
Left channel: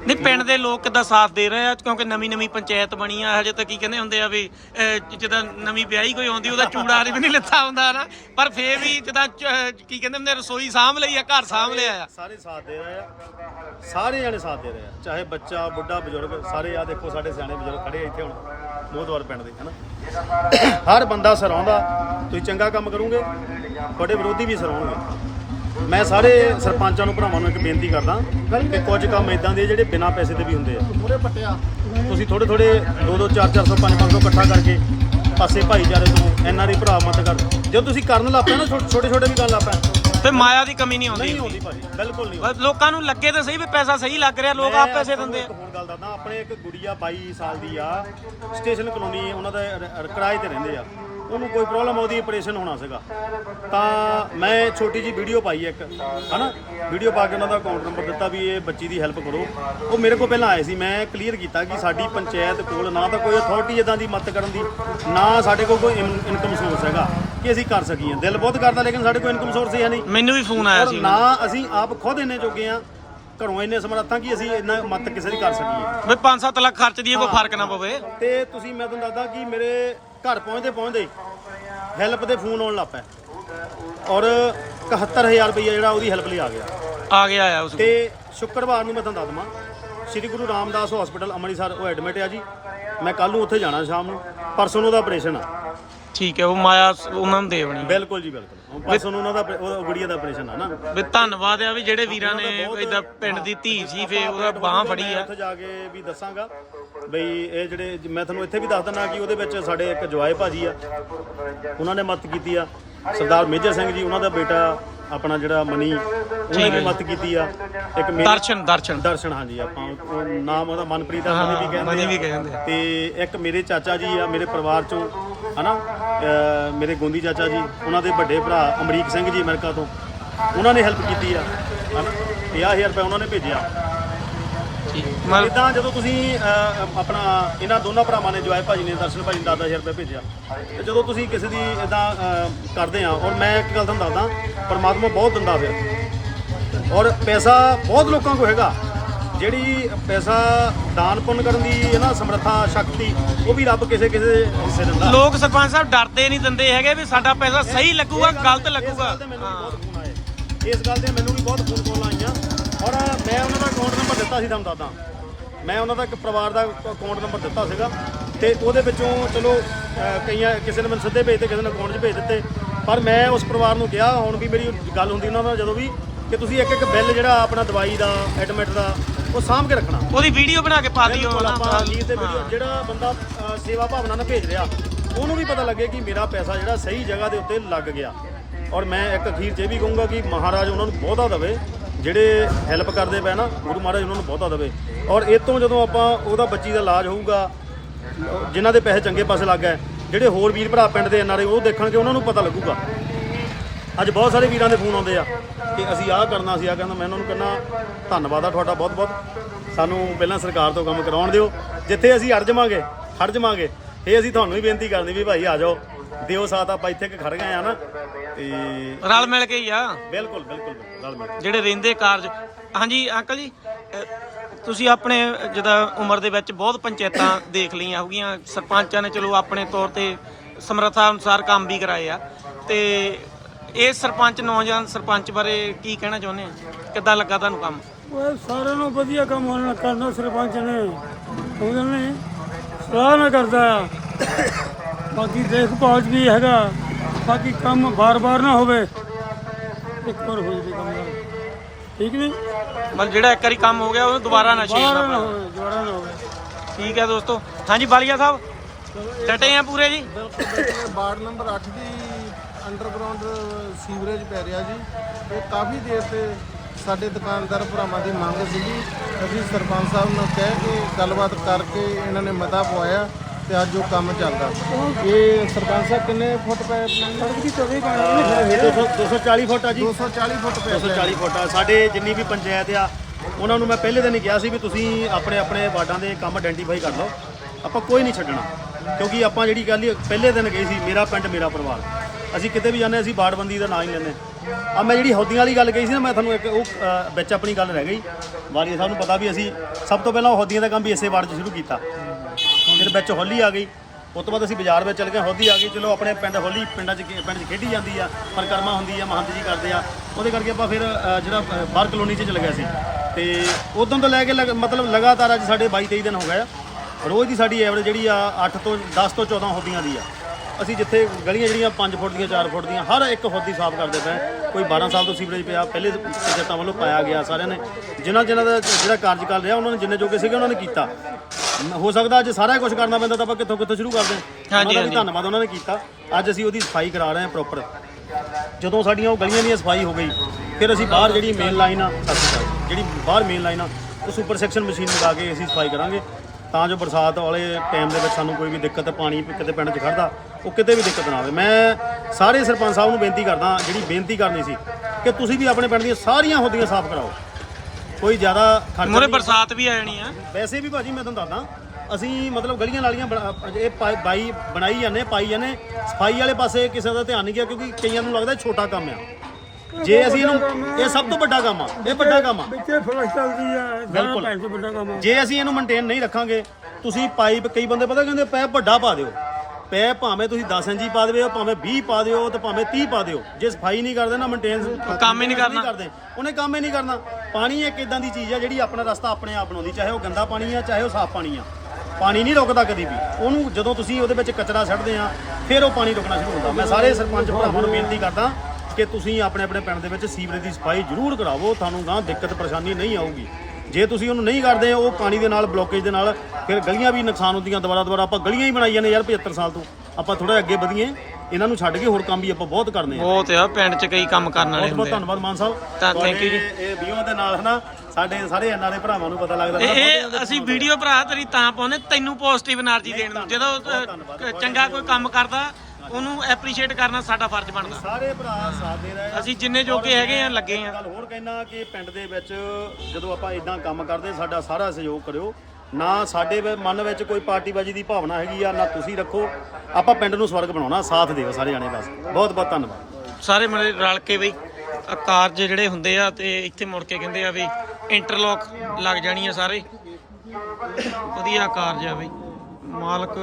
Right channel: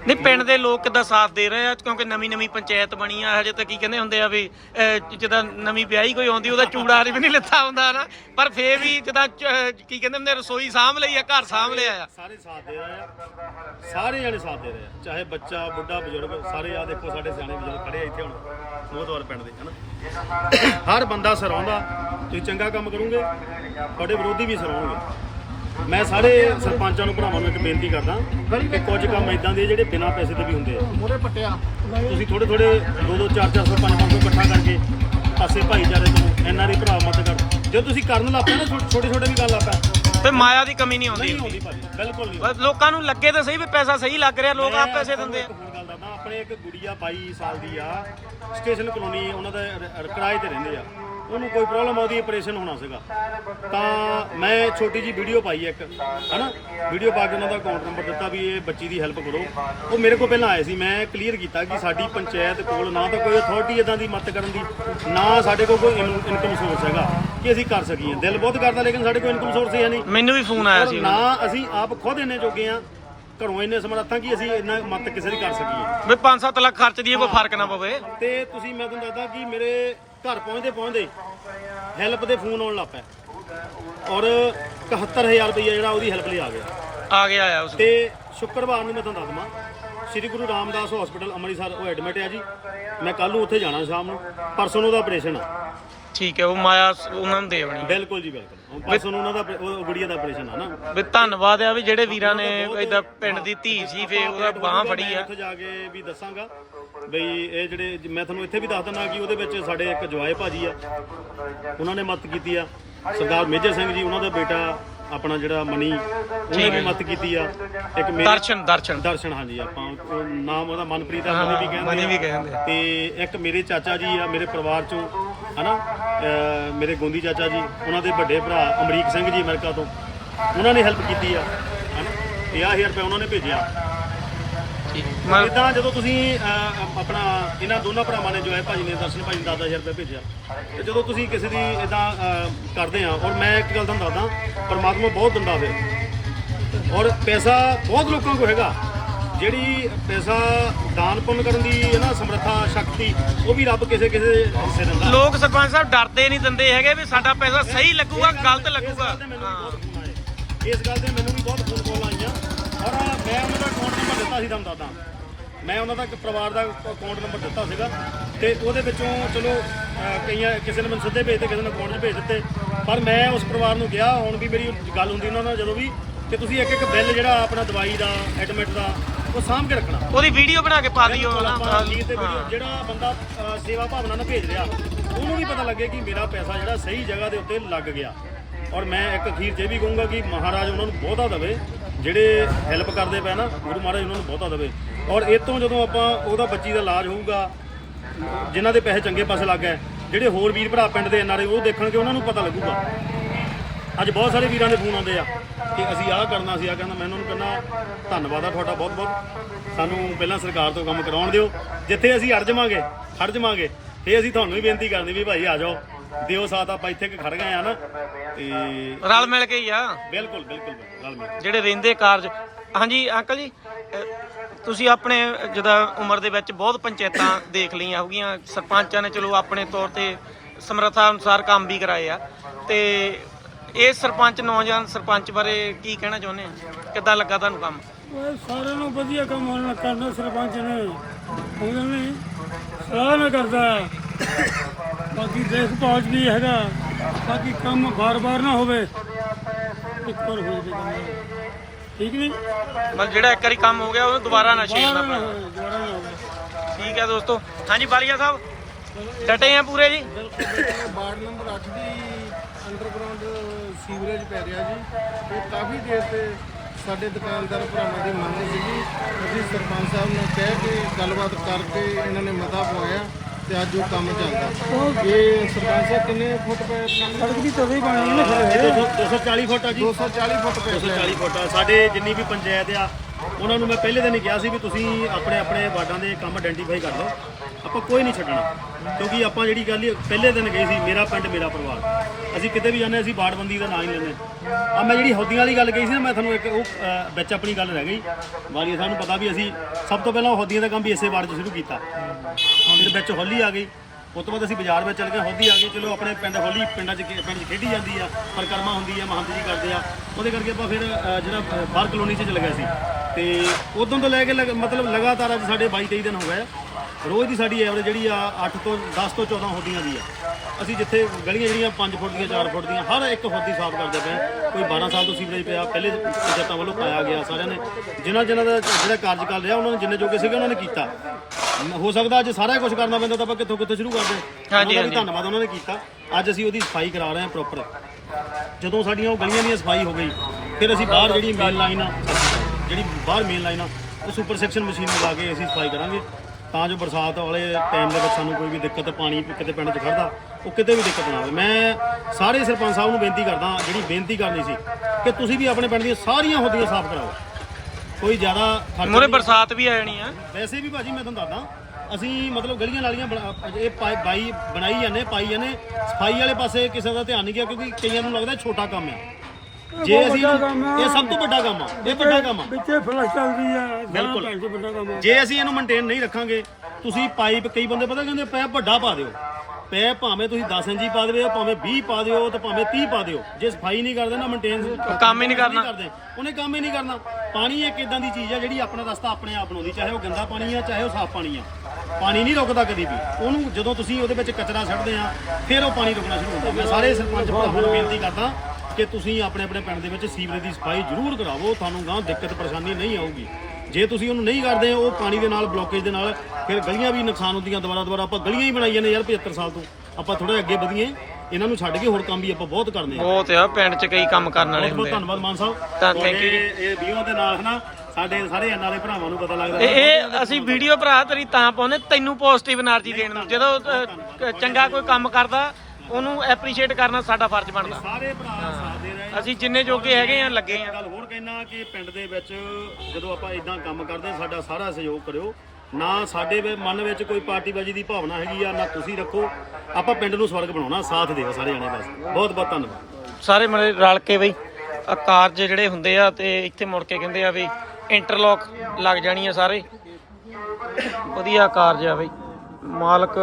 ਨਹੀਂ ਪਿੰਡ ਦੇ ਲੋਕ ਕਿੱਦਾਂ ਸਾਥ ਦੇ ਰਹੇ ਆ? ਕਿਉਂਕਿ ਨਵੀਂ ਨਵੀਂ ਪੰਚਾਇਤ ਬਣੀ ਆ ਹਜੇ ਤਾਂ ਕੀ ਕਹਿੰਦੇ ਹੁੰਦੇ ਆ ਵੀ ਜਿੱਦਾਂ ਨਵੀਂ ਵਿਆਹੀ ਕੋਈ ਆਉਂਦੀ ਉਹਦਾ ਚੂੜਾ ਵੀ ਨਹੀਂ ਲੱਥਾ ਹੁੰਦਾ ਨਾ ਪਰ ਫੇਰ ਵੀ ਜਿੱਦਾਂ ਕੀ ਕਹਿੰਦੇ ਹੁੰਦੇ ਰਸੋਈ ਸਾਂਭ ਲਈ ਆ ਘਰ ਸਾਂਭ ਲਿਆ ਆ। ਸਾਰੇ ਸਾਥ ਦੇ ਰਹੇ ਆ। ਸਾਰੇ ਜਣੇ ਸਾਥ ਦੇ ਰਹੇ ਆ। ਚਾਹੇ ਬੱਚਾ ਬੁੱਢਾ ਬਜ਼ੁਰਗ ਸਾਰੇ ਆ ਦੇਖੋ ਸਾਡੇ ਸਿਆਣੇ ਬਜ਼ੁਰਗ ਖੜੇ ਇੱਥੇ ਹੁਣ। ਮੋਹਦਵਾਰ ਪਿੰਡ ਦੇ ਹਨਾ? ਹਰ ਬੰਦਾ ਸਰਾਉਂਦਾ ਤੁਸੀਂ ਚੰਗਾ ਕੰਮ ਕਰੋਗੇ ਤੁਹਾਡੇ ਵਿਰੋਧੀ ਵੀ ਸਰਾਉਣਗੇ ਮੈਂ ਸਾਰੇ ਸਰਪੰਚਾਂ ਨੂੰ ਭਰਾਵਾਂ ਨੂੰ ਇੱਕ ਬੇਨਤੀ ਕਰਦਾ ਕਿ ਕੁਝ ਕੰਮ ਇਦਾਂ ਦੇ ਜਿਹੜੇ ਬਿਨਾਂ ਪੈਸੇ ਦੇ ਵੀ ਹੁੰਦੇ ਆ। ਮੋਰੇ ਪੱਟਿਆ। ਤੁਸੀਂ ਥੋੜੇ ਥੋੜੇ 2 2 4 400 5 500 ਇਕੱਠਾ ਕਰਕੇ ਪਾਸੇ ਭਾਈਚਾਰੇ ਤੋਂ ਐਨਆਰਆਈ ਭਰਾ ਮਤ ਕਰ। ਜਦੋਂ ਤੁਸੀਂ ਕਰਨ ਲੱਗ ਪਏ ਨਾ ਛੋਟੇ ਛੋਟੇ ਵੀ ਕਰਨ ਲੱਗ ਪਏ ਤੇ ਮਾਇਆ ਦੀ ਕਮੀ ਨਹੀਂ ਆਉਂਦੀ। ਨਹੀਂ ਆਉਂਦੀ ਭਾਜੀ ਬਿਲਕੁਲ ਨਹੀਂ ਬਸ ਲੋਕਾਂ ਨੂੰ ਲੱਗੇ ਤਾਂ ਸਹੀ ਵੀ ਪੈਸਾ ਸਹੀ ਲੱਗ ਰਿਹਾ ਲੋਕ ਆਪ ਪੈਸੇ ਦਿੰਦੇ ਆ। ਇੱਕ ਹੋਰ ਗੱਲ ਦੱਸਦਾ ਆਪਣੇ ਇੱਕ ਗੁੜੀਆ 22 ਸਾਲ ਦੀ ਆ ਸਟੇਸ਼ਨ ਕਲੋਨੀ ਉਹਨਾਂ ਦਾ ਰ- ਰ- ਕਿਰਾਏ ਤੇ ਰਹਿੰਦੇ ਆ। ਉਹਨੂੰ ਕੋਈ ਪ੍ਰੋਬਲਮ ਆਉਦੀ ਆਪਰੇਸ਼ਨ ਹੋਣਾ ਸੀਗਾ। ਤਾਂ ਮੈਂ ਛੋਟੀ ਜੀ ਵੀਡੀਓ ਪਾਈ ਇੱਕ ਹਨਾ? ਵੀਡੀਓ ਪਾ ਕੇ ਉਹਨਾਂ ਦਾ ਅਕਾਊਂਟ ਨੰਬਰ ਦਿੱਤਾ ਵੀ ਇਹ ਬੱਚੀ ਦੀ ਹੈਲਪ ਕਰੋ। ਉਹ ਮੇਰੇ ਕੋਲ ਪਹਿਲਾਂ ਆਏ ਸੀ ਮੈਂ ਕਲੀਅਰ ਕੀਤਾ ਕਿ ਸਾਡੀ ਪੰਚਾਇਤ ਕੋਲ ਨਾ ਤਾਂ ਕੋਈ ਅਥਾਰਟੀ ਇਦਾਂ ਦੀ ਮਦਦ ਕਰਨ ਦੀ ਨਾ ਸਾਡੇ ਕੋਲ ਕੋਈ ਇਨਕਮ ਸੋਰਸ ਹੈਗਾ। ਕਿ ਅਸੀਂ ਕਰ ਸਕੀਏ। ਦਿਲ ਬਹੁਤ ਕਰਦਾ ਲੇਕਿਨ ਸਾਡੇ ਕੋਲ ਇਨਕਮ ਸੋਰਸ ਹੀ ਹੈ ਨਹੀਂ। ਮੈਨੂੰ ਵੀ ਫੋਨ ਆਇਆ ਔਰ ਸੀ ਨਾ ਅਸੀਂ ਆਪ ਖੁਦ ਇੰਨੇ ਜੋਗੇ ਆ ਘਰੋਂ ਇੰਨੇ ਸਮਰੱਥਾਂ ਕਿ ਅਸੀਂ ਇੰਨਾ ਮਤ ਕਿਸੇ ਦੀ ਕਰ ਸਕੀਏ। ਵੀ 5-7 ਲੱਖ ਖਰਚ ਦੀ ਕੋਈ ਫ਼ਰਕ ਨਾ ਪਵੇ। ਤੇ ਤੁਸੀਂ ਮੈਂ ਤੁਹਾਨੂੰ ਦੱਸਦਾ ਕਿ ਮੇਰੇ ਘਰ ਪਹੁੰਚਦੇ ਪਹੁੰਚਦੇ ਹੈਲਪ ਦੇ ਫੋਨ ਆਉਣ ਲੱਗ ਪਏ। ਔਰ 71000 ਰੁਪਏ ਜਿਹੜਾ ਉਹਦੀ ਹੈਲਪ ਲਈ ਆ ਗਿਆ। ਆ ਗਿਆ ਆ ਉਸ ਤੇ ਸ਼ੁੱਕਰਵਾਰ ਨੂੰ ਮੈਂ ਤੁਹਾਨੂੰ ਦੱਸ ਦਵਾਂ ਸ੍ਰੀ ਗੁਰੂ ਰਾਮਦਾਸ ਹਸਪੀਟਲ ਅੰਮ੍ਰਿਤਸਰ ਉਹ ਐਡਮਿਟ ਆ ਜੀ। ਮੈਂ ਕੱਲ ਨੂੰ ਉੱਥੇ ਜਾਣਾ ਸ਼ਾਮ ਨੂੰ। ਪਰਸੋਂ ਨੂੰ ਉਹਦਾ ਆਪਰੇਸ਼ਨ ਆ। ਠੀਕ ਹੈ ਉਹ ਮਾਇਆ ਉਹਨਾਂ ਨੂੰ ਦੇਵਣੀ ਬਿਲਕੁਲ ਜੀ ਬਿਲਕੁਲ। ਹੁਣ ਨੂੰ ਉਹਨਾਂ ਦਾ ਆਪਰੇ- ਉਹ ਗੁੜੀਆ ਦਾ ਆਪਰੇਸ਼ਨ ਆ ਨਾ। ਵੀ ਧੰਨਵਾਦ ਆ ਵੀ ਜਿਹੜੇ ਵੀਰਾਂ ਨੇ ਇਦਾਂ ਪਿੰਡ ਦੀ ਧੀ ਸੀ ਫੇ ਉਹਦਾ ਬਾਹ ਫੜੀ ਮੈਂ ਆ। ਉੱਥੇ ਜਾ ਕੇ ਵੀ ਦੱਸਾਂਗਾ ਬਈ ਇਹ ਜਿਹੜੇ ਮੈਂ ਤੁਹਾਨੂੰ ਇੱਥੇ ਵੀ ਦੱਸ ਦਿੰਦਾ ਕਿ ਉਹਦੇ ਵਿੱਚ ਸਾਡੇ ਇੱਕ ਜਵਾਏ ਭਾਜੀ ਆ। ਉਹਨਾਂ ਨੇ ਮਦਦ ਕੀਤੀ ਆ। ਸਰਦਾਰ ਮੇਜਰ ਸਿੰਘ ਜੀ ਉਹਨਾਂ ਦਾ ਬੇਟਾ ਆਪਣਾ ਜਿਹੜਾ ਮਨੀ ਉਹਨੇ ਵੀ ਮਦਦ ਕੀਤੀ ਆ। ਇੱਕ ਮੇਰੇ ਦਰਸ਼ਨ ਦਰਸ਼ਨ। ਦਰਸ਼ਨ ਹਾਂਜੀ ਆਪਾਂ ਉਹ ਨਾਮ ਉਹਦਾ ਮਨਪ੍ਰੀਤ ਆ ਮਨੀ ਵੀ ਮਨੀ ਵੀ ਕਹਿੰਦੇ ਕਹਿੰਦੇ ਆ। ਤੇ ਇੱਕ ਮੇਰੇ ਚਾਚਾ ਜੀ ਆ ਮੇਰੇ ਪਰਿਵਾਰ ਚੋਂ ਹਨਾ? ਮੇਰੇ ਗੋਂਦੀ ਚਾਚਾ ਜੀ ਉਹਨਾਂ ਦੇ ਵੱਡੇ ਭਰਾ ਅਮਰੀਕ ਸਿੰਘ ਜੀ ਅਮਰੀਕਾ ਤੋਂ ਉਹਨਾਂ ਨੇ ਹੈਲਪ ਕੀਤੀ ਆ ਹਨਾ? 50000 ਰੁਪਏ ਉਹਨਾਂ ਨੇ ਭੇਜਿਆ। ਇਦਾਂ ਜਦੋਂ ਤੁਸੀਂ ਆਪਣਾ ਇਹਨਾਂ ਦੋਨਾਂ ਭਰਾਵਾਂ ਨੇ ਜਵਾਈ ਭਾਜੀ ਨੇ ਦਰਸ਼ਨ ਭਾਜੀ ਨੇ 10000 ਰੁਪਏ ਭੇਜਿਆ। ਤੇ ਜਦੋਂ ਤੁਸੀਂ ਕਿਸੇ ਦੀ ਇਦਾਂ ਕਰਦੇ ਆ ਔਰ ਮੈਂ ਇੱਕ ਗੱਲ ਤੁਹਾਨੂੰ ਦੱਸਦਾ ਪਰਮਾਤਮਾ ਬਹੁਤ ਦਿੰਦਾ ਫਿਰ ਔਰ ਪੈਸਾ ਬਹੁਤ ਲੋਕਾਂ ਕੋਲ ਹੈਗਾ। ਜਿਹੜੀ ਪੈਸਾ ਦਾਨ ਪੁੰਨ ਕਰਨ ਦੀ ਹੈ ਨਾ ਸਮਰੱਥਾ ਸ਼ਕਤੀ ਉਹ ਵੀ ਰੱਬ ਕਿਸੇ ਕਿਸੇ ਹਿੱਸੇ ਦਿੰਦਾ। ਲੋਕ ਸਰਪੰਚ ਸਾਹਿਬ ਡਰਦੇ ਨਹੀਂ ਦਿੰਦੇ ਹੈਗੇ ਵੀ ਸਾਡਾ ਪੈਸਾ ਸਹੀ ਲੱਗੂਗਾ ਗਲਤ ਲੱਗੂਗਾ। ਇਸ ਗੱਲ ਤੇ ਮੈਨੂੰ ਵੀ ਬਹੁਤ ਫੋਨ ਕਾਲ ਆਈਆਂ। ਔਰ ਮੈਂ ਉਹਨਾਂ ਦਾ ਅਕਾਊਂਟ ਨੰਬਰ ਦਿੱਤਾ ਸੀ ਤੁਹਾਨੂੰ ਦੱਸਦਾ। ਮੈਂ ਉਹਨਾਂ ਦਾ ਇੱਕ ਪਰਿਵਾਰ ਦਾ ਅਕਾਊਂਟ ਨੰਬਰ ਦਿੱਤਾ ਸੀਗਾ। ਤੇ ਉਹਦੇ ਵਿੱਚੋਂ ਚਲੋ ਕਈਆਂ ਕਿਸੇ ਨੇ ਮੈਨੂੰ ਸਿੱਧੇ ਭੇਜਦੇ ਕਿਸੇ ਨੇ ਅਕਾਊਂਟ 'ਚ ਭੇਜ ਦਿੱਤੇ। ਪਰ ਮੈਂ ਉਸ ਪਰਿਵਾਰ ਨੂੰ ਕਿਹਾ ਹੁਣ ਵੀ ਮੇਰੀ ਗੱਲ ਹੁੰਦੀ ਉਹਨਾਂ ਨਾਲ ਜਦੋਂ ਵੀ ਕਿ ਤੁਸੀਂ ਇੱਕ ਇੱਕ ਬਿੱਲ ਜਿਹੜਾ ਆਪਣਾ ਦਵਾਈ ਦਾ ਐਡਮਿਟ ਦਾ ਉਹ ਸਾਂਭ ਕੇ ਰੱਖਣਾ। ਉਹਦੀ ਵੀਡੀਓ ਬਣਾ ਕੇ ਪਾ ਦਿਓ ਬਿਲਕੁਲ ਆਪਾਂ ਵੀਡੀਓ ਜਿਹੜਾ ਬੰਦਾ ਅ, ਸੇਵਾ ਭਾਵਨਾ ਨਾਲ ਭੇਜ ਰਿਹਾ ਉਹਨੂੰ ਵੀ ਪਤਾ ਲੱਗੇ ਕਿ ਮੇਰਾ ਪੈਸਾ ਜਿਹੜਾ ਸਹੀ ਜਗ੍ਹਾ ਦੇ ਉੱਤੇ ਲੱਗ ਗਿਆ। ਔਰ ਮੈਂ ਇੱਕ ਅਖੀਰ 'ਚ ਇਹ ਵੀ ਕਹੂੰਗਾ ਕਿ ਮਹਾਰਾਜ ਉਹਨਾਂ ਨੂੰ ਬਹੁਤਾ ਦੇਵੇ ਜਿਹੜੇ ਹੈਲਪ ਕਰਦੇ ਪਏ ਨਾ ਗੁਰੂ ਮਹਾਰਾਜ ਉਹਨਾਂ ਨੂੰ ਬਹੁਤਾ ਦੇਵੇ। ਔਰ ਇਹ ਤੋਂ ਜਦੋਂ ਆਪਾਂ ਉਹਦਾ ਬੱਚੀ ਦਾ ਇਲਾਜ ਹੋਊਗਾ ਜਿਨ੍ਹਾਂ ਦੇ ਪੈਸੇ ਚੰਗੇ ਪਾਸੇ ਲੱਗ ਗਏ ਜਿਹੜੇ ਹੋਰ ਵੀਰ ਭਰਾ ਪਿੰਡ ਦੇ ਐਨਆਰਏ ਉਹ ਦੇਖਣਗੇ ਉਹਨਾਂ ਨੂੰ ਪਤਾ ਲੱਗੂਗਾ। ਅੱਜ ਬਹੁਤ ਸਾਰੇ ਵੀਰਾਂ ਦੇ ਫੋਨ ਆਉਂਦੇ ਆ। ਕਿ ਅਸੀਂ ਆਹ ਕਰਨਾ ਸੀ ਆਹ ਕਰਨਾ। ਮੈਂ ਉਹਨਾਂ ਨੂੰ ਕਹਿੰਦਾ ਧੰਨਵਾਦ ਆ ਤੁਹਾਡਾ ਬਹੁਤ ਬਹੁਤ। ਸਾਨੂੰ ਪਹਿਲਾਂ ਸਰਕਾਰ ਤੋਂ ਕੰਮ ਕਰਾਉਣ ਦਿਓ। ਜਿੱਥੇ ਅਸੀਂ ਅੜ ਜਾਵਾਂਗੇ ਖੜ ਜਾਵਾਂਗੇ ਫੇ ਅਸੀਂ ਤੁਹਾਨੂੰ ਵੀ ਬੇਨਤੀ ਕਰਨੀ ਵੀ ਭਾਈ ਆ ਜਾਓ। ਦਿਓ ਸਾਥ ਆਪਾਂ ਇੱਥੇ ਕਿ ਖੜ ਗਏ ਆ ਨਾ ਤੇ ਰਲ ਮਿਲ ਕੇ ਹੀ ਆ। ਬਿਲਕੁਲ ਬਿਲਕੁਲ ਬਿਲਕੁਲ, ਰਲ ਮਿਲ ਕੇ। ਜਿਹੜੇ ਰਹਿੰਦੇ ਕਾਰਜ ਹਾਂਜੀ ਅੰਕਲ ਜੀ ਅਹ, ਤੁਸੀਂ ਆਪਣੇ ਜਿਹਦਾ ਉਮਰ ਦੇ ਵਿੱਚ ਬਹੁਤ ਪੰਚਾਇਤਾਂ (coughs) ਦੇਖ ਲਈਆਂ ਹੋਗੀਆਂ। ਸਰਪੰਚਾਂ ਨੇ ਚਲੋ ਆਪਣੇ ਤੌਰ ਤੇ ਸਮਰੱਥਾ ਅਨੁਸਾਰ ਕੰਮ ਵੀ ਕਰਾਏ ਆ। ਤੇ ਇਹ ਸਰਪੰਚ ਨੌਜਵਾਨ ਸਰਪੰਚ ਬਾਰੇ ਕੀ ਕਹਿਣਾ ਚਾਹੁੰਦੇ ਆ ਕਿੱਦਾਂ ਲੱਗਾ ਤੁਹਾਨੂੰ ਕੰਮ? ਉਹ ਸਾਰਿਆਂ ਨੂੰ ਵਧੀਆ ਕੰਮ ਹੋਣਾ ਕਰਨਾ ਸਰਪੰਚ ਨੇ। ਉਹਨਾਂ ਨੇ ਸਲਾਹ ਨਾ ਕਰਦਾ। ਬਾਕੀ ਦੇਖਭਾਲ ਵੀ ਹੈਗਾ। ਬਾਕੀ ਕੰਮ ਬਾਰ-ਬਾਰ ਨਾ ਹੋਵੇ। ਇੱਕ ਵਾਰ ਹੋ ਜਾਵੇ ਕੰਮ। ਠੀਕ ਨਹੀਂ? ਮਤਲਬ ਜਿਹੜਾ ਇੱਕ ਵਾਰੀ ਕੰਮ ਹੋ ਗਿਆ ਉਹਨੂੰ ਦੁਬਾਰਾ ਨਾ ਛੇੜਨਾ ਨਾ ਹੋਵੇ ਦੁਬਾਰਾ ਨਾ ਹੋਵੇ। ਠੀਕ ਹੈ ਦੋਸਤੋ। ਹਾਂਜੀ ਬਾਲੀਆ ਸਾਹਿਬ। ਡਟੇ ਆ ਪੂਰੇ ਜੀ? ਬਿਲਕੁਲ ਬਿਲਕੁਲ ਵਾਰਡ ਨੰਬਰ 8 ਦੀ ਅੰਡਰਗਰਾਉਂਡ ਸੀਵਰੇਜ ਪੈ ਰਿਹਾ ਜੀ। ਇਹ ਕਾਫੀ ਦੇਰ ਤੇ ਸਾਡੇ ਦੁਕਾਨਦਾਰ ਭਰਾਵਾਂ ਦੀ ਮੰਗ ਸੀਗੀ। ਅਸੀਂ ਸਰਪੰਚ ਸਾਹਿਬ ਨੂੰ ਕਹਿ ਕੇ ਗੱਲਬਾਤ ਕਰਕੇ ਇਹਨਾਂ ਨੇ ਮਤਾ ਪਵਾਇਆ ਤੇ ਅੱਜ ਉਹ ਕੰਮ ਚੱਲਦਾ। ਇਹ ਸਰਪੰਚ ਸਾਹਿਬ ਕਿੰਨੇ ਫੁੱਟ ਪਏ ਸੜਕ ਦੀ ਤੋੜੀ ਬਣਾਉਣੀ 200 240 ਫੁੱਟ ਆ ਜੀ। 240 ਫੁੱਟ ਪਏ 240 ਫੁੱਟ ਆ। ਸਾਡੇ ਜਿੰਨੀ ਵੀ ਪੰਚਾਇਤ ਆ ਉਹਨਾਂ ਨੂੰ ਮੈਂ ਪਹਿਲੇ ਦਿਨ ਹੀ ਕਿਹਾ ਸੀ ਵੀ ਤੁਸੀਂ ਆਪਣੇ ਆਪਣੇ ਵਾਰਡਾਂ ਦੇ ਕੰਮ ਆਇਡੈਂਟੀਫਾਈ ਕਰ ਲਓ। ਆਪਾਂ ਕੋਈ ਨਹੀਂ ਛੱਡਣਾ। ਕਿਉਂਕਿ ਆਪਾਂ ਜਿਹੜੀ ਗੱਲ ਪਹਿਲੇ ਦਿਨ ਗਏ ਸੀ ਮੇਰਾ ਪਿੰਡ ਮੇਰਾ ਪਰਿਵਾਰ। ਅਸੀਂ ਕਿਤੇ ਵੀ ਜਾਂਦੇ ਅਸੀਂ ਬਾੜਬੰਦੀ ਦਾ ਨਾਂ ਹੀ ਲੈਂਦੇ ਆ ਮੈਂ ਜਿਹੜੀ ਹੌਦੀਆਂ ਵਾਲੀ ਗੱਲ ਕਹੀ ਸੀ ਨਾ ਮੈਂ ਤੁਹਾਨੂੰ ਇੱਕ ਉਹ ਅ, ਵਿੱਚ ਆਪਣੀ ਗੱਲ ਰਹਿ ਗਈ। ਵਾਲੀ ਸਾਹਿਬ ਨੂੰ ਪਤਾ ਵੀ ਅਸੀਂ ਸਭ ਤੋਂ ਪਹਿਲਾਂ ਹੌਦੀਆਂ ਦਾ ਕੰਮ ਵੀ ਇਸੇ ਵਾਰਡ 'ਚ ਸ਼ੁਰੂ ਕੀਤਾ। ਫਿਰ ਵਿੱਚ ਹੋਲੀ ਆ ਗਈ। ਉਸ ਤੋਂ ਬਾਅਦ ਅਸੀਂ ਬਾਜ਼ਾਰ ਵਿੱਚ ਚਲੇ ਗਏ ਹੋਲੀ ਆ ਗਈ। ਚਲੋ ਆਪਣੇ ਪਿੰਡ ਹੋਲੀ ਪਿੰਡਾਂ 'ਚ ਖੇ- ਪਿੰਡ 'ਚ ਖੇਡੀ ਜਾਂਦੀ ਆ ਪਰਿਕਰਮਾ ਹੁੰਦੀ ਆ ਮਹੰਤ ਜੀ ਕਰਦੇ ਆ। ਉਹਦੇ ਕਰਕੇ ਆਪਾਂ ਫਿਰ ਅ, ਜਿਹੜਾ ਅ, ਬਾਹਰ ਕਲੋਨੀ 'ਚ ਚਲੇ ਗਏ ਸੀ। ਤੇ ਉਦੋਂ ਤੋਂ ਲੈ ਕੇ ਲਗ- ਮਤਲਬ ਲਗਾਤਾਰ ਅੱਜ ਸਾਡੇ 22 23 ਦਿਨ ਹੋ ਗਏ ਆ। ਰੋਜ਼ ਦੀ ਸਾਡੀ ਐਵਰੇਜ ਜਿਹੜੀ ਆ 8 ਤੋਂ 10 ਤੋਂ 14 ਹੋਦੀਆਂ ਦੀ ਆ। ਅਸੀਂ ਜਿੱਥੇ ਗਲੀਆਂ ਜਿਹੜੀਆਂ 5 ਫੁੱਟ ਦੀਆਂ 4 ਫੁੱਟ ਦੀਆਂ ਹਰ ਇੱਕ ਹੋਦੀ ਸਾਫ਼ ਕਰਦੇ ਪਏ ਕੋਈ 12 ਸਾਲ ਤੋਂ ਸੀਵਰੇਜ ਪਿਆ ਪਹਿਲੇ ਪੰਚਾਇਤਾਂ ਵੱਲੋਂ ਪਾਇਆ ਗਿਆ ਸਾਰਿਆਂ ਨੇ। ਜਿਨ੍ਹਾਂ ਜਿਨ੍ਹਾਂ ਦਾ ਜਿਹੜਾ ਕਾਰਜਕਾਲ ਰਿਹਾ ਉਹਨਾਂ ਨੇ ਜਿੰਨੇ ਜੋਗੇ ਸੀਗੇ ਉਹਨਾਂ ਨੇ ਕੀਤਾ। ਹੋ ਸਕਦਾ ਅੱਜ ਸਾਰਾ ਕੁਝ ਕਰਨਾ ਪੈਂਦਾ ਤਾਂ ਆਪਾਂ ਕਿੱਥੋਂ ਕਿੱਥੋਂ ਸ਼ੁਰੂ ਕਰਦੇ ਹਾਂ। ਉਹਨਾਂ ਦਾ ਵੀ। ਧੰਨਵਾਦ ਉਹਨਾਂ ਨੇ ਕੀਤਾ। ਅੱਜ ਅਸੀਂ ਉਹਦੀ ਸਫ਼ਾਈ ਕਰਾ ਰਹੇ ਹਾਂ ਪ੍ਰੋਪਰ ਜਦੋਂ ਸਾਡੀਆਂ ਉਹ ਗਲੀਆਂ ਦੀ ਸਫ਼ਾਈ ਹੋ ਗਈ ਫਿਰ ਅਸੀਂ ਬਾਹਰ ਜਿਹੜੀ ਮੇਨ ਲਾਈਨ ਆ ਜਿਹੜੀ ਬਾਹਰ ਮੇਨ ਲਾਈਨ ਆ ਉਹ ਸੁਪਰ ਸੈਕਸ਼ਨ ਮਸ਼ੀਨ ਲਗਾ ਕੇ ਅਸੀਂ ਸਫ਼ਾਈ ਕਰਾਂਗੇ। ਤਾਂ ਜੋ ਬਰਸਾਤ ਵਾਲੇ ਟਾਈਮ ਦੇ ਵਿੱਚ ਸਾਨੂੰ ਕੋਈ ਵੀ ਦਿੱਕਤ ਪਾਣੀ ਕਿਤੇ ਪਿੰਡ 'ਚ ਖੜਦਾ ਉਹ ਕਿਤੇ ਵੀ ਦਿੱਕਤ ਨਾ ਆਵੇ। ਮੈਂ ਸਾਰੇ ਸਰਪੰਚ ਸਾਹਿਬ ਨੂੰ ਬੇਨਤੀ ਕਰਦਾ ਜਿਹੜੀ ਬੇਨਤੀ ਕਰਨੀ ਸੀ ਕਿ ਤੁਸੀਂ ਵੀ ਆਪਣੇ ਪਿੰਡ ਦੀਆਂ ਸਾਰੀਆਂ ਹੋਦੀਆਂ ਸਾਫ਼ ਕਰਾਓ। ਕੋਈ ਜ਼ਿਆਦਾ ਖਰਚਾ ਮੋਰੇ ਨਹੀਂ- ਬਰਸਾਤ ਵੀ ਆ ਜਾਣੀ ਆ। ਵੈਸੇ ਵੀ ਭਾਜੀ ਮੈਂ ਤੁਹਾਨੂੰ ਦੱਸਦਾ ਅਸੀਂ ਮਤਲਬ ਗਲੀਆਂ ਨਾਲੀਆਂ ਬਣਾ- ਇਹ ਪਾਈ- ਬਾਈ ਬਣਾਈ ਜਾਂਦੇ ਪਾਈ ਜਾਂਦੇ। ਸਫ਼ਾਈ ਵਾਲੇ ਪਾਸੇ ਕਿਸੇ ਦਾ ਧਿਆਨ ਨਹੀਂ ਗਿਆ ਕਿਉਂਕਿ ਕਈਆਂ ਨੂੰ ਲੱਗਦਾ ਛੋਟਾ ਕੰਮ ਆ। ਜੇ ਅਸੀਂ ਇਹਨੂੰ ਇਹ ਸਭ ਤੋਂ ਵੱਡਾ ਕੰਮ ਆ ਇਹ ਵੱਡਾ ਕੰਮ ਆ। ਵਿੱਚੇ ਫਲਸ਼ ਚੱਲਦੀ ਆ ਸਾਰਾ ਭੈਣ ਤੋਂ ਵੱਡਾ ਕੰਮ ਆ। ਜੇ ਅਸੀਂ ਇਹਨੂੰ ਮੇਨਟੇਨ ਨਹੀਂ ਰੱਖਾਂਗੇ ਤੁਸੀਂ ਪਾਈਪ ਕਈ ਬੰਦੇ ਪਤਾ ਕਹਿੰਦੇ ਪੈਪ ਵੱਡਾ ਪਾ ਦਿਓ। ਪੈਪ ਭਾਵੇਂ ਤੁਸੀਂ 10 ਇੰਚੀ ਪਾ ਦਿਓ ਭਾਵੇਂ 20 ਪਾ ਦਿਓ ਤੇ ਭਾਵੇਂ 30 ਪਾ ਦਿਓ। ਜੇ ਸਫ਼ਾਈ ਨਹੀਂ ਕਰਦੇ ਨਾ ਮੇਨਟੇਨ ਕੰਮ ਹੀ ਨਹੀਂ ਕਰਨਾ। ਕਰਦੇ। ਉਹਨੇ ਕੰਮ ਹੀ ਨਹੀਂ ਕਰਨਾ। ਪਾਣੀ ਇੱਕ ਇਦਾਂ ਦੀ ਚੀਜ਼ ਆ ਜਿਹੜੀ ਆਪਣਾ ਰਸਤਾ ਆਪਣੇ ਆਪ ਬਣਾਉਂਦੀ ਚਾਹੇ ਉਹ ਗੰਦਾ ਪਾਣੀ ਆ ਚਾਹੇ ਉਹ ਸਾਫ਼ ਪਾਣੀ ਆ। ਪਾਣੀ ਨਹੀਂ ਰੁਕਦਾ ਕਦੀ ਵੀ। ਉਹਨੂੰ ਜਦੋਂ ਤੁਸੀਂ ਉਹਦੇ ਵਿੱਚ ਕਚਰਾ ਛੱਡਦੇ ਆ ਫਿਰ ਉਹ ਪਾਣੀ ਰੁਕਣਾ ਸ਼ੁਰੂ ਹੁੰਦਾ। ਮੈਂ ਸਾਰੇ ਸਰਪੰਚ ਭਰਾਵਾਂ ਨੂੰ ਬੇਨਤੀ ਕਰਦਾ ਕਿ ਤੁਸੀਂ ਆਪਣੇ ਆਪਣੇ ਪਿੰਡ ਦੇ ਵਿੱਚ ਸੀਵਰੇਜ ਦੀ ਸਫ਼ਾਈ ਜ਼ਰੂਰ ਕਰਾਵੋ ਤੁਹਾਨੂੰ ਗਾਂ ਦਿੱਕਤ ਪਰੇਸ਼ਾਨੀ ਨਹੀਂ ਆਊਗੀ। ਜੇ ਤੁਸੀਂ ਉਹਨੂੰ ਨਹੀਂ ਕਰਦੇ ਉਹ ਪਾਣੀ ਦੇ ਨਾਲ ਬਲੋਕੇਜ ਦੇ ਨਾਲ ਫਿਰ ਗਲੀਆਂ ਵੀ ਨੁਕਸਾਨ ਹੁੰਦੀਆਂ ਦੁਬਾਰਾ ਦੁਬਾਰਾ। ਆਪਾਂ ਗਲੀਆਂ ਹੀ ਬਣਾਈਆਂ ਨੇ ਯਾਰ 75 ਸਾਲ ਤੋਂ। ਆਪਾਂ ਥੋੜਾ ਅੱਗੇ ਵਧੀਏ ਇਹਨਾਂ ਨੂੰ ਛੱਡ ਕੇ ਹੋਰ ਕੰਮ ਵੀ ਆਪਾਂ ਬਹੁਤ ਕਰਨੇ ਆ। ਬਹੁਤ ਆ ਪਿੰਡ 'ਚ ਕਈ ਕੰਮ ਕਰਨ ਵਾਲੇ ਹੁੰਦੇ ਆ। ਧੰਨਵਾਦ ਮਾਨ ਸਾਹਿਬ। ਤਾਂ thank you ਜੀ। ਇਹ ਵੀਡੀਓ ਦੇ ਨਾਲ ਹਨਾ ਸਾਡੇ ਸਾਰੇ ਇਹਨਾਂ ਦੇ ਭਰਾਵਾਂ ਨੂੰ ਪਤਾ ਲੱਗਦਾ। ਇਹ- ਅਸੀਂ ਵੀਡੀਓ ਭਰਾ ਤੇਰੀ ਤਾਂ ਪਾਉਨੇ ਤੈਨੂੰ ਪੋਜ਼ਿਟਿਵ એનર્ਜੀ ਦੇਣ ਨੂੰ। ਜਦੋਂ ਚੰਗਾ ਕੋਈ ਕੰਮ ਕਰਦਾ ਉਹਨੂੰ ਐਪਰੀਸ਼ੀਏਟ ਕਰਨਾ ਸਾਡਾ ਫਰਜ਼ ਬਣਦਾ। ਸਾਰੇ ਭਰਾ ਸਾਥ ਦੇ ਰਹੇ ਆ। ਅਸੀਂ ਜਿੰਨੇ ਜੋਗੇ ਹੈਗੇ ਆ ਲੱਗੇ ਆ। ਗੱਲ ਹੋਰ ਕਹਿਣਾ ਕਿ ਪਿੰਡ ਦੇ ਵਿੱਚ ਜਦੋਂ ਆਪਾਂ ਇਦਾਂ ਕੰਮ ਕਰਦੇ ਸਾਡਾ ਸਾਰਾ ਸਹਿਯੋਗ ਕਰਿਓ। ਨਾ ਸਾਡੇ ਮਨ ਵਿੱਚ ਕੋਈ ਪਾਰਟੀਬਾਜ਼ੀ ਦੀ ਭਾਵਨਾ ਹੈਗੀ ਆ ਨਾ ਤੁਸੀਂ ਰੱਖੋ। ਆਪਾਂ ਪਿੰਡ ਨੂੰ ਸਵਰਗ ਬਣਾਉਣਾ ਸਾਥ ਦਿਓ ਸਾਰੇ ਜਾਣੇ ਬਸ। ਬਹੁਤ ਬਹੁਤ ਧੰਨਵਾਦ। ਸਾਰੇ ਮਲੇ ਰਲ ਕੇ ਬਈ ਆਹ ਕਾਰਜ ਜਿਹੜੇ ਹੁੰਦੇ ਆ ਤੇ ਇੱਥੇ ਮੁੜ ਕੇ ਕਹਿੰਦੇ ਆ ਵੀ ਇੰਟਰਲੌਕ ਲੱਗ ਜਾਣੀ ਆ ਸਾਰੇ। ਵਧੀਆ ਕਾਰਜ ਆ ਬਈ। ਮਾਲਕ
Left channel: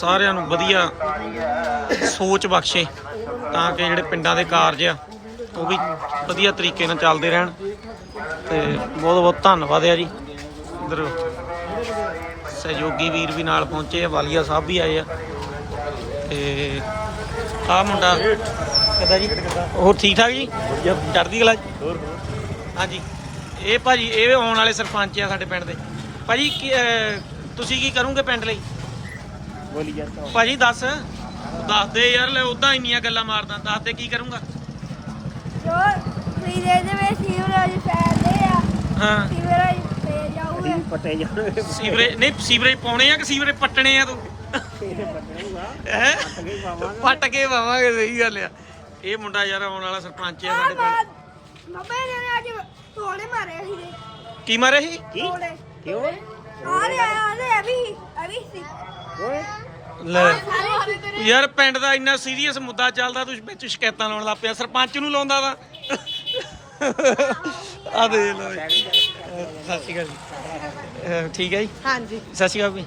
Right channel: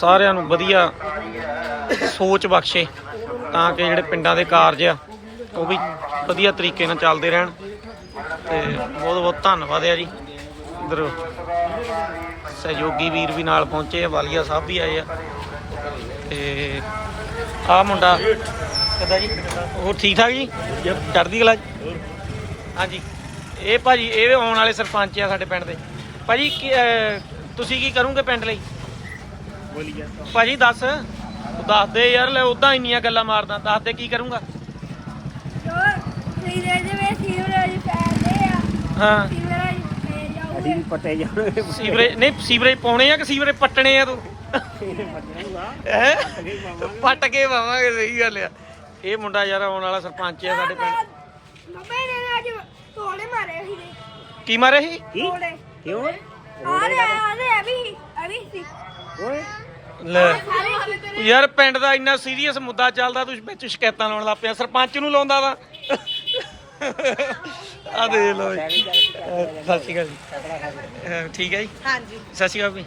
ਸਾਰਿਆਂ ਨੂੰ ਵਧੀਆ ਸੋਚ ਬਖਸ਼ੇ ਤਾਂ ਕਿ ਜਿਹੜੇ ਪਿੰਡਾਂ ਦੇ ਕਾਰਜ ਆ ਉਹ ਵੀ ਵਧੀਆ ਤਰੀਕੇ ਨਾਲ ਚੱਲਦੇ ਰਹਿਣ। ਤੇ ਬਹੁਤ ਬਹੁਤ ਧੰਨਵਾਦ ਆ ਜੀ। ਇਧਰ ਸਹਿਯੋਗੀ ਵੀਰ ਵੀ ਨਾਲ ਪਹੁੰਚੇ ਆ ਵਾਲੀਆ ਸਾਹਿਬ ਵੀ ਆਏ ਆ। ਤੇ ਆ ਮੁੰਡਾ ਪਤਾ ਜੀ? ਹੋਰ ਠੀਕ ਠਾਕ ਜੀ? ਚੜ੍ਹਦੀ ਕਲਾ ਜੀ? ਹਾਂਜੀ। ਇਹ ਭਾਜੀ ਇਹ ਆਉਣ ਵਾਲੇ ਸਰਪੰਚ ਆ ਸਾਡੇ ਪਿੰਡ ਦੇ। ਭਾਜੀ ਕੀ, ਤੁਸੀਂ ਕੀ ਕਰੋਗੇ ਪਿੰਡ ਲਈ? ਭਾਜੀ ਦੱਸ। ਦੱਸ ਦੇ ਯਾਰ ਲੈ ਉਦਾਂ ਇੰਨੀਆਂ ਗੱਲਾਂ ਮਾਰਦਾ ਦੱਸ ਦੇ ਕੀ ਕਰੂੰਗਾ? ਜੋ ਵੀਰੇ ਦੇ ਵਿੱਚ ਸੀਵਰੇਜ ਪੈਦੇ ਆ। ਹਾਂ। ਸੀਵਰੇਜ ਪੈ ਜਾਊਗੇ। ਸੀਵਰੇਜ ਨਹੀਂ ਸੀਵਰੇਜ ਪਾਉਣੇ ਆ ਕਿ ਸੀਵਰੇਜ ਪੱਟਣੇ ਆ ਤੂੰ? ਹੈ? ਪੱਟ ਕੇ ਪਾਵਾਂਗੇ। ਸਹੀ ਗੱਲ ਆ। ਇਹ ਮੁੰਡਾ ਯਾਰ ਆਉਣ ਵਾਲਾ ਸਰਪੰਚ ਆ ਸਾਡੇ ਪਿੰਡ। ਮੰਮੇ ਨੇ ਅੱਜ ਤੋੜੇ ਮਾਰੇ ਸੀ ਕੀ ਮਾਰਿਆ ਸੀ? ਤੋੜੇ। ਕਿਉਂ? ਆ ਰਹੇ ਆ ਰਹੇ ਅਭੀ ਅਭੀ ਸੀ। ਲੈ। ਯਾਰ ਪਿੰਡ ਦਾ ਇੰਨਾ ਸੀਰੀਅਸ ਮੁੱਦਾ ਚੱਲਦਾ ਤੂੰ ਵਿੱਚ ਸ਼ਿਕਾਇਤਾਂ ਲਾਉਣ ਲੱਗ ਪਿਆ। ਸਰਪੰਚ ਨੂੰ ਲਾਉਂਦਾ ਵਾ। ਆ ਦੇ ਲੋ ਸਤਿ ਸ਼੍ਰੀ ਅਕਾਲ ਜੀ। ਠੀਕ ਹੈ ਜੀ? ਹਾਂਜੀ। ਸਤਿ ਸ਼੍ਰੀ ਅਕਾਲ ਜੀ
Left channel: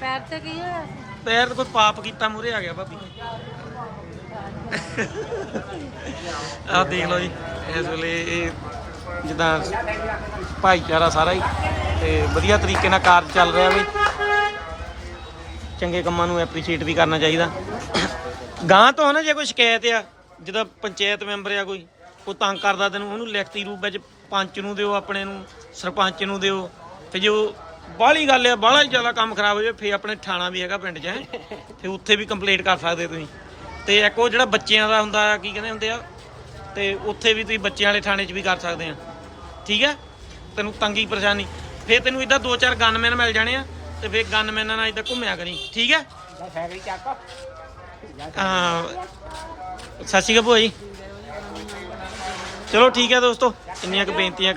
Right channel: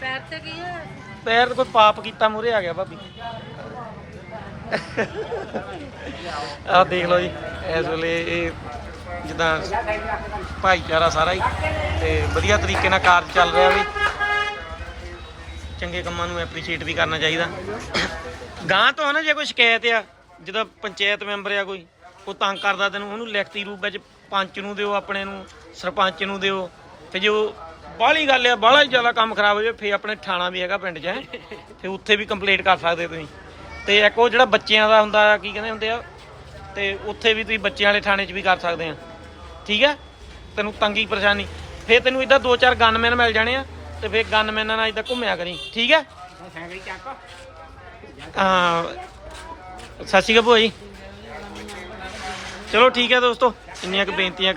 ਪੈਰ ਤੇ ਕੀ ਹੋਇਆ? ਪੈਰ ਤੇ ਕੋਈ ਪਾਪ ਕੀਤਾ ਮੂਰੇ ਆ ਗਿਆ ਭਾਬੀ। ਆ ਦੇਖ ਲਓ ਜੀ ਇਸ ਵੇਲੇ ਇਹ ਜਿੱਦਾਂ ਭਾਈਚਾਰਾ ਸਾਰਾ ਹੀ ਤੇ ਵਧੀਆ ਤਰੀਕੇ ਨਾਲ ਕਾਰਜ ਚੱਲ ਰਿਹਾ ਵੀ। ਚੰਗੇ ਕੰਮਾਂ ਨੂੰ ਐਪਰੀਸ਼ੀਏਟ ਵੀ ਕਰਨਾ ਚਾਹੀਦਾ। ਗਾਂ ਤੋਂ ਨਾ ਜੇ ਕੋਈ ਸ਼ਿਕਾਇਤ ਆ ਜਿਹਦਾ ਪੰਚਾਇਤ ਮੈਂਬਰ ਆ ਕੋਈ, ਉਹ ਤੰਗ ਕਰਦਾ ਤੈਨੂੰ, ਉਹਨੂੰ ਲਿਖਤੀ ਰੂਪ ਵਿੱਚ ਪੰਚ ਨੂੰ ਦਿਓ, ਆਪਣੇ ਨੂੰ, ਸਰਪੰਚ ਨੂੰ ਦਿਓ, ਤੇ ਉਹ ਬਾਹਲੀ ਗੱਲ ਆ, ਬਾਹਲਾ ਜ਼ਿਆਦਾ ਕੰਮ ਖਰਾਬ ਹੋ ਜਾਵੇ, ਫੇਰ ਆਪਣੇ ਥਾਣਾ ਵੀ ਹੈਗਾ ਪਿੰਡ 'ਚ, ਹੈਂ। ਤੇ ਉੱਥੇ ਵੀ ਕੰਪਲੇਂਟ ਕਰ ਸਕਦੇ ਤੁਸੀਂ। ਤੇ ਇੱਕ ਉਹ ਜਿਹੜਾ ਬੱਚਿਆਂ ਦਾ ਹੁੰਦਾ ਆ, ਕੀ ਕਹਿੰਦੇ ਹੁੰਦੇ ਆ, ਤੇ ਉੱਥੇ ਵੀ ਤੁਸੀਂ ਬੱਚਿਆਂ ਵਾਲੇ ਥਾਣੇ 'ਚ ਵੀ ਕਰ ਸਕਦੇ ਆ। ਠੀਕ ਹੈ ਤੈਨੂੰ ਤੰਗੀ ਪਰੇਸ਼ਾਨੀ। ਫੇਰ ਤੈਨੂੰ ਇਦਾਂ ਦੋ ਚਾਰ ਗਨਮੈਨ ਮਿਲ ਜਾਣੇ ਆ ਤੇ ਫੇਰ ਗਨਮੈਨਾਂ ਨਾਲ ਇਦਾਂ ਘੁੰਮਿਆ ਕਰੀ। ਠੀਕ ਹੈ? ਹਾਂ। ਸਤਿ ਸ਼੍ਰੀ ਅਕਾਲ ਭੂਆ ਜੀ। ਚਲੋ ਠੀਕ ਹੈ ਦੋਸਤੋ, ਇੰਨੀਆਂ ਕੁ ਬੇਨਤੀਆਂ